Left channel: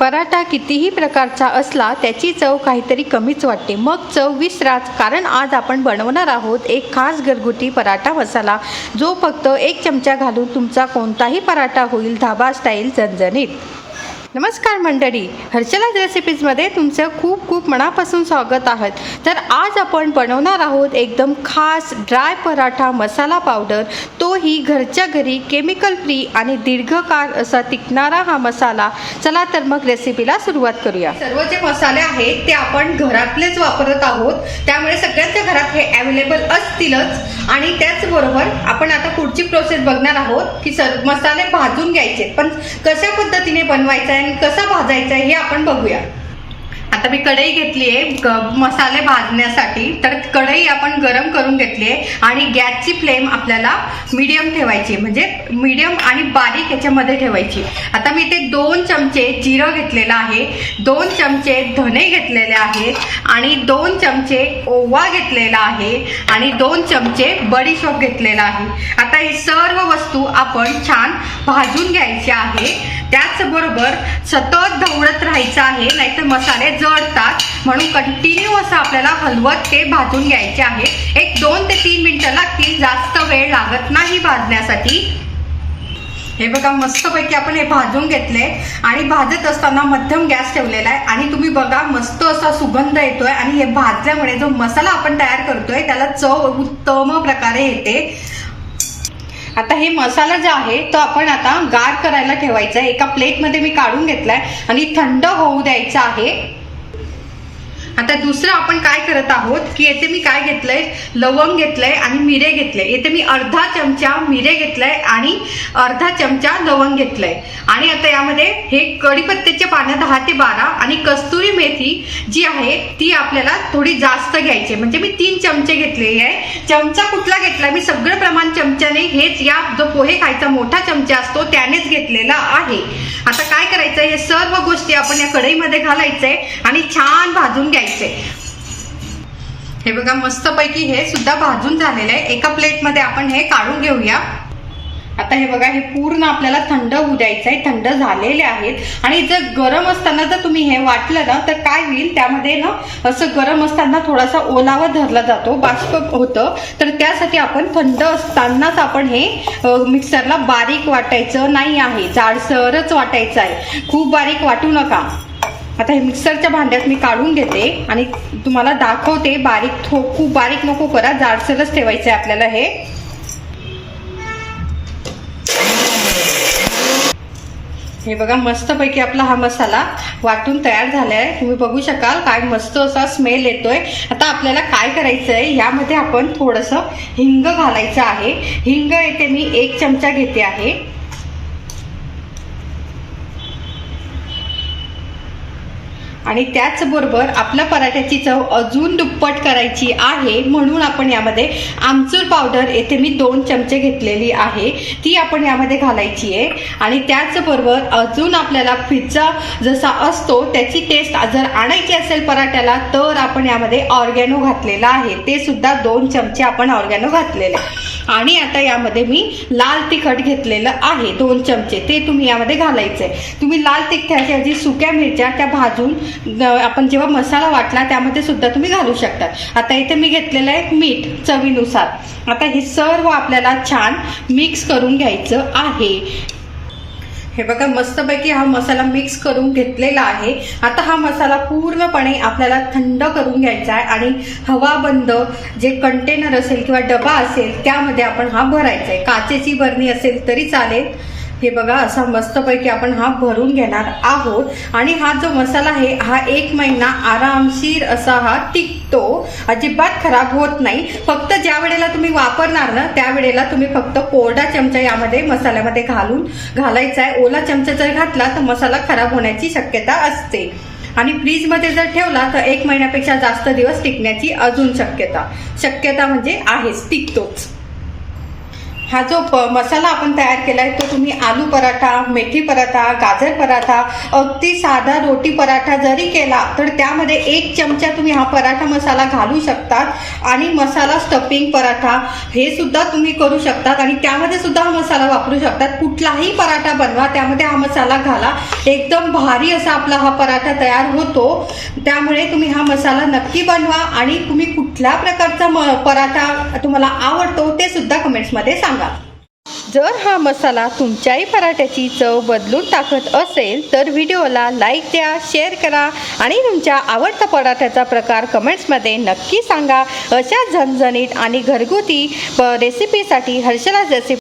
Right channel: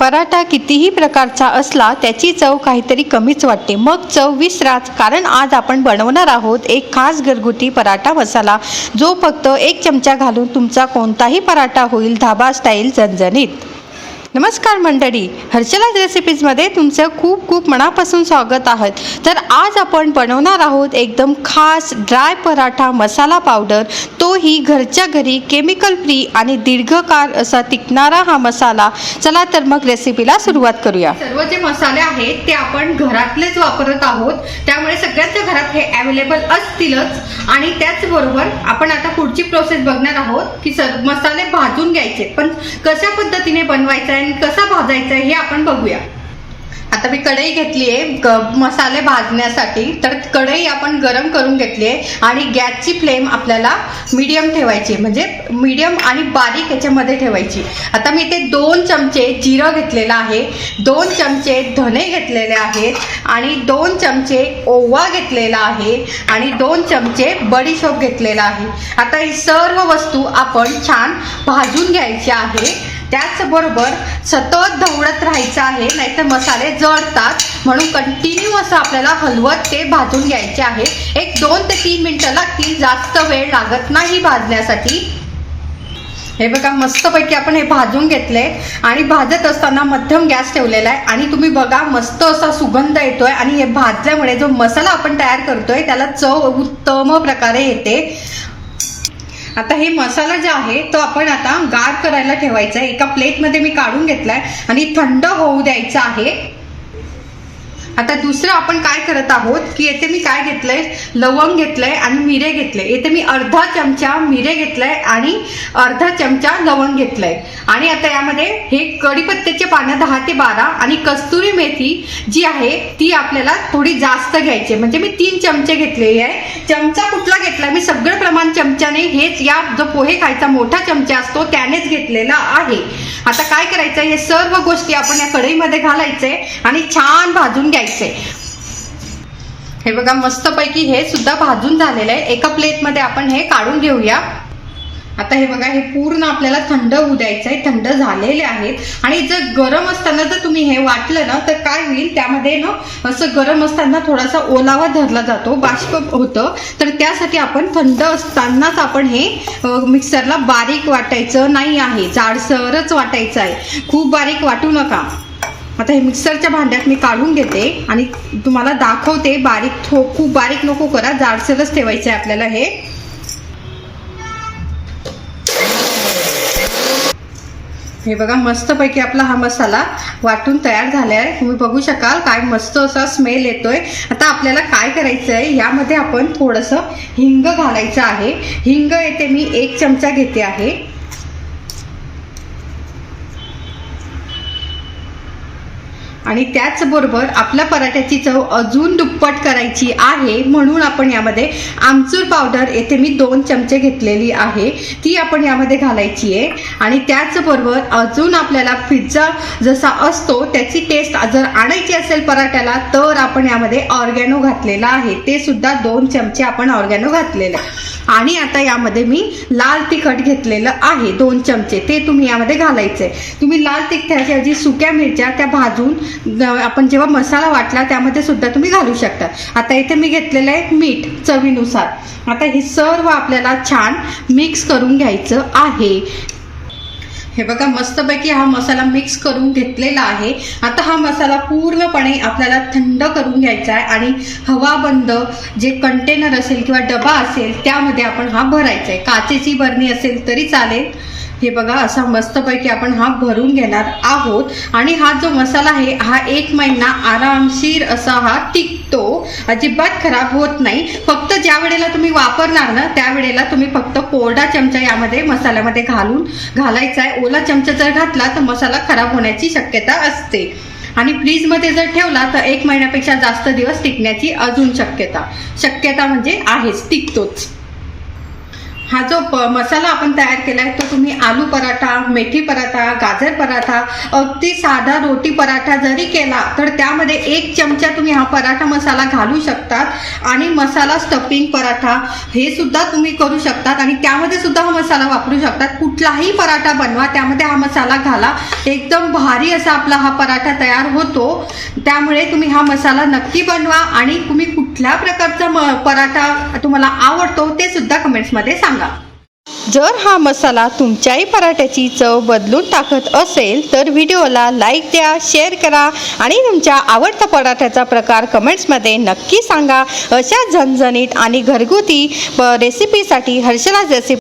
पराठा कितीही प्रकारचा असला त्याची चव काहीतरी कमीच वाटते. मग चव विसराच कारण आज आपण बनवणार आहोत एक खास घरगुती पराठा मसाला जो फक्त एक चमचा घालून तुमचा कोणताही पराठा होईल धाबा स्टाईल झणझणीत. नमस्कार मंडळी. हर्षलाज रेसिपीजमध्ये तुमचं खूप खूप मनापासून स्वागत आहे. तर आज आपण बनवणार आहोत एकदम खास ड्राय पराठा मसाला पावडर तोही घरच्या घरी केमिकल फ्री आणि दीर्घकाळ असा टिकणारा हा मसाला. चला तर मग रेसिपीला सुरुवात करूया. सर्व जे मसाले आहेत ते आपण घरातलेच वापरत आहोत. त्यामुळे सगळ्यांच्या घरात हे अवेलेबल असतीलच. आणि त्याचबरोबर आपण आता पुढची प्रोसेस बघणार आहोत की सर मसाले भाजून घ्यायचे. पण कशा पद्धतीने बनवायचं आहे आणि कसा भाजायचा आहे हे आपण बघूया. आता मी कढई घेतली आहे मसाले भाजण्यासाठी. तर कढई आपण गरम करून घेतली आहे आणि गॅसची फ्लेम आपल्याला मीडियम ठेवायची म्हणजे मीडियम आणि बारीक ह्याच्यामध्ये ठेवायची आता मी ते दोन चमचे जिरं घेतलेलं आहे. दोन चमचे धने घेतलेले आहेत आणि दोन चमचे ओवा घेतलेला आहे. आणि दोन चमचे बडीशोप घेतलेला आहे. आता ही सर्व वस्तू आपण छान भाजून घ्यायची आहे. त्याचबरोबर सतत ढवळत राहायचं आहे नाहीतर मसाले जळतात. म्हणून कंटिन्यू असं आपल्याला हलवत ते भाजून घ्यायचे आहे. एक दोन ते तीन मिनटं लागतील जास्त वेळ लागत नाही भाजण्यासाठी. हे बघा मस्तपैकी आपण हे भाजून घेतले. आणि भाजत असताना मध्यम गॅस ठेवलेला आहे. आणि तुम्ही बघा मस्त असा सुगंध येतोय. आणि हे भाजल्यामुळे जो मसाला आपण तयार करतोय त्याला चव उत्तम प्रकारे येते. आता हे मसाला जो आहे तो आपण आता गार करायला ठेवायचा आहे. एका प्लेटमध्ये मी काढून घेतलाय आणि थंड होऊ द्यायचा आहे. आता दुसरं आपण काय करत आहोत की येथे मी काय घेतलंय? लवंग घेतलंय आणि मिरे घेतले येथे मी अर्धा चमचा मिरे घेतलाय आणि अर्धा चमचा लवंग घेतलंय. आणि आता यामध्ये हे कढीपत्त्याचे पानं दहा ते बारा आणि कस्तुरी मेथी जी आहे ती आपल्याला थोडी जास्त घ्यायची म्हणजे मी तीन चमचे घेतले आहे. चमचा कुठला घेतला? मी सगळं प्रमाण चमच्याने हेच या जो पोहे खायचा मोठा चमचा असतो त्यानेच घेतलेला आहे. आता काय करायचं हे सर्व गोष्टी आपण या कढईमध्ये घालायचंय आणि छान भाजून घ्यायचं हे बघा मस्तपैकी हे सुद्धा भाजून झालेलं आहे. एका प्लेटमध्ये आपण हे काढून घेऊया. आता हे बघा हे पूर्ण आपल्याला थंड होऊ द्यायचं आहे. थंड झालेले आहेत. आणि जर गरम असताना जर तुम्ही हे वाटलं ना तर काय होईल? त्यामध्ये ना असं गरम असताना थोडासा ओलावा धरला जातो बाष्प होतं. तर त्यासाठी आपण थंड असतानाच आपण हे मिक्सरला बारीक वाटायचं नाही आहे. जाडसरच वाटायचं आहे. खूप बारीक वाटू नका. आता हे मिक्सरच्या भांड्यात मी काढून घेते आणि तुम्हाला दाखवते बारीक थो खूप बारीक नको करा. जाडसरच ठेवायचं आहे आपल्याला हे. हे बघा मस्तपैकी आपला हा मसाला वाटून तयार झाला आहे तुम्ही बघू शकाल काय मस्त असा स्मेल येतोय. आता आपल्याला काय करायचं आहे यामध्ये आपण थोडंसं हिंग घालायचं आहे. हिंग येते मी एक चमचा घेते आहे. आणि त्याचबरोबर आपल्या पराठ्याची चव अजून दुप्पट करायची आहे म्हणून आपण यामध्ये आमचूर पावडर येथे मी दोन चमचे घेतलेली आहे ती आपण यामध्ये घालायची आहे. आणि त्याचबरोबर अजून आपल्याला पिझ्झा जसा असतो त्याची टेस्ट जर आणायची असेल पराठ्याला तर आपण यामध्ये ऑर्गॅनो घातलेला आहे. ते सुद्धा दोन चमचे आपण ऑर्गॅनो घातलेले. आहे. आणि आता यामध्ये मी लाल तिखट घेतलेलं आहे दोन चमचे. ते तुम्ही यामध्ये घालायचे तुम्ही लाल तिखटाच्या ऐवजी सुक्या मिरच्या त्या भाजून आपण जेव्हा मसाला वाटला त्यामध्ये सुद्धा तुम्ही घालू शकतात आता इथे मी घेतलेलं आहे मीठ चवीनुसार. आता हे सर्व आपल्याला छान मिक्स करून घ्यायचं आहे. हे बघा मस्तपैकी हा मसाला मिक्स करून घेतलेला आहे. आता हा मसाला पूर्णपणे आपल्याला थंड करून घ्यायचा आहे आणि हवा बंद जे कंटेनर असेल किंवा डबा असेल त्यामध्ये आपण हा भरायचा आहे. काचेची भरणी असेल तरी चालेल. हे बघा असा मस्तपैकी आपण हा भरून घेणार आहोत. आणि हा जो मसाला आहे हा एक महिना आरामशीर असा हा टिकतो. अजिबात खराब होत नाही. फक्त ज्या वेळेला तुम्ही वापरणार ना त्यावेळेला तुम्ही फक्त कोरडा चमचा यामध्ये मसाल्यामध्ये घालून घालायचा आहे. ओला चमचा जर घातला तर मसाला खराब होण्याची शक्यता असते. आणि फ्रीजमध्ये जर ठेवला तर एक महिन्यापेक्षा जास्त दिवस टिकण्याची अजून शक्यता. शक्यता म्हणजे आहेच टिकतोच. हा जो प- मसाला आपण तयार केला आहे तो तुम्ही आलू पराठा मेथी पराठा गाजर पराठा अगदी साधा रोटी पराठा जरी केला तर त्यामध्ये एक चमचा तुम्ही हा पराठा मसाला घालू शकतात. आणि मसाला स्टफिंग पराठा हे सुद्धा तुम्ही करू शकतात. आणि त्यामध्ये सुद्धा हा मसाला वापरू शकतात. कुठलाही पराठा बनवा त्यामध्ये हा मसाला घाला. एकदम भारी असा आपला हा पराठा तयार होतो. त्यामुळे तुम्ही हा मसाला नक्की बनवा. आणि तुम्ही कुठल्या प्रकारचा म- पराठा तुम्हाला आवडतो ते सुद्धा कमेंट्समध्ये सांगा. जर हा मसाला तुमच्याही पराठ्याची चव बदलून टाकत असेल तर व्हिडिओला लाईक द्या शेअर करा आणि तुमच्या आवडता पराठ्याचा प्रकार कमेंट्समध्ये नक्की सांगा. अशा झणझणीत आणि घरगुती रेसिपीसाठी हर्षला रेसिपी